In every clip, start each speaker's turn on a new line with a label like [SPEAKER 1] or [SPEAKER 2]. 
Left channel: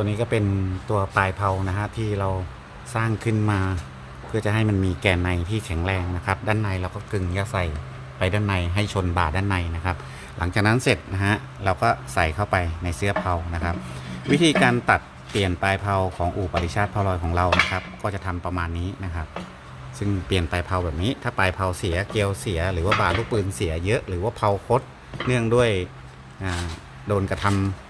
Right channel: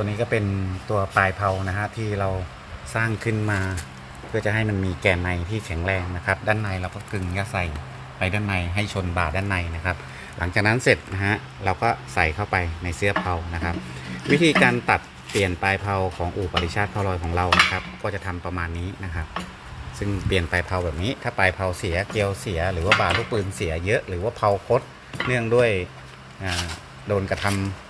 [SPEAKER 1] ตัวนี้ก็เป็นตัวปลายเผานะฮะที่เราสร้างขึ้นมา เพื่อจะให้มันมีแกนในที่แข็งแรงนะครับ ด้านในเราก็กึงยาใส่ไปด้านในให้ชนบ่าด้านในนะครับ หลังจากนั้นเสร็จนะฮะเราก็ใส่เข้าไปในเสื้อเผานะครับ วิธีการตัดเปลี่ยนปลายเผาของอู่ปริชาติเผาลอยของเรานะครับ ก็จะทำประมาณนี้นะครับ ซึ่งเปลี่ยนปลายเผาแบบนี้ถ้าปลายเผาเสียเกลียวเสีย หรือว่าบาลูกปืนเสียเยอะ หรือว่าเผาคดเนื่องด้วยโดนกระทำ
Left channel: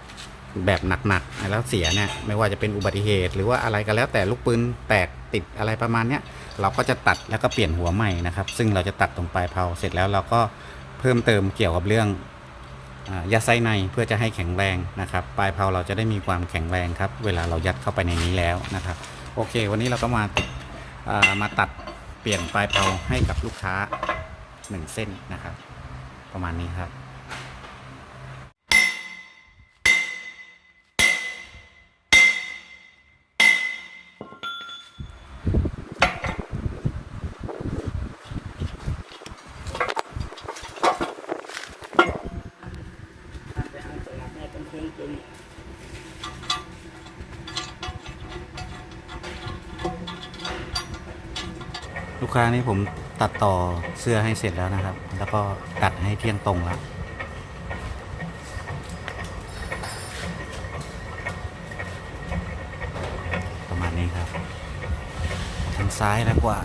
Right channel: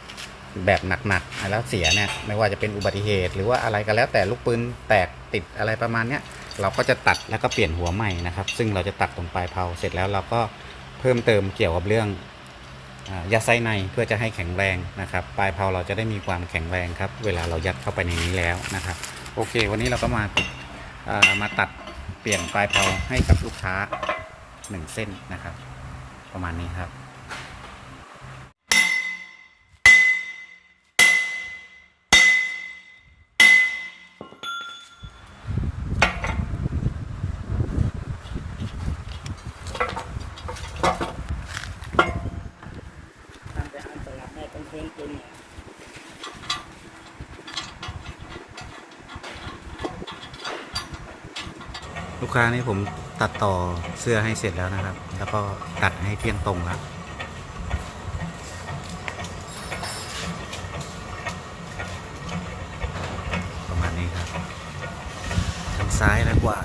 [SPEAKER 1] แบบหนักๆแล้วเสียเนี่ยไม่ว่าจะเป็นอุบัติเหตุ หรือว่าอะไรก็แล้วแต่ลูกปืนแตกติดอะไรประมาณเนี้ยเราก็จะตัดแล้วก็เปลี่ยนหัวใหม่นะครับ ซึ่งเราจะตัดตรงปลายเผาเสร็จแล้วเราก็เพิ่มเติมเกี่ยวกับเรื่องอ่ายัดไส้ในเพื่อจะให้แข็งแรงนะครับ ปลายเผาเราจะได้มีความแข็งแรงครับ เวลาเรายัดเข้าไปในนี้แล้วนะครับ โอเค วันนี้เราก็มาติดมาตัดเปลี่ยนปลายเผาให้กับลูกค้าหนึ่งเส้นนะครับ ประมาณนี้ครับ ลูกค้านี่ผมตัดต่อเสื้อให้เสร็จแล้วนะครับ แล้วก็ตัดให้เที่ยงตรงแล้วประมาณนี้ครับ ทางซ้ายแล้วกว่า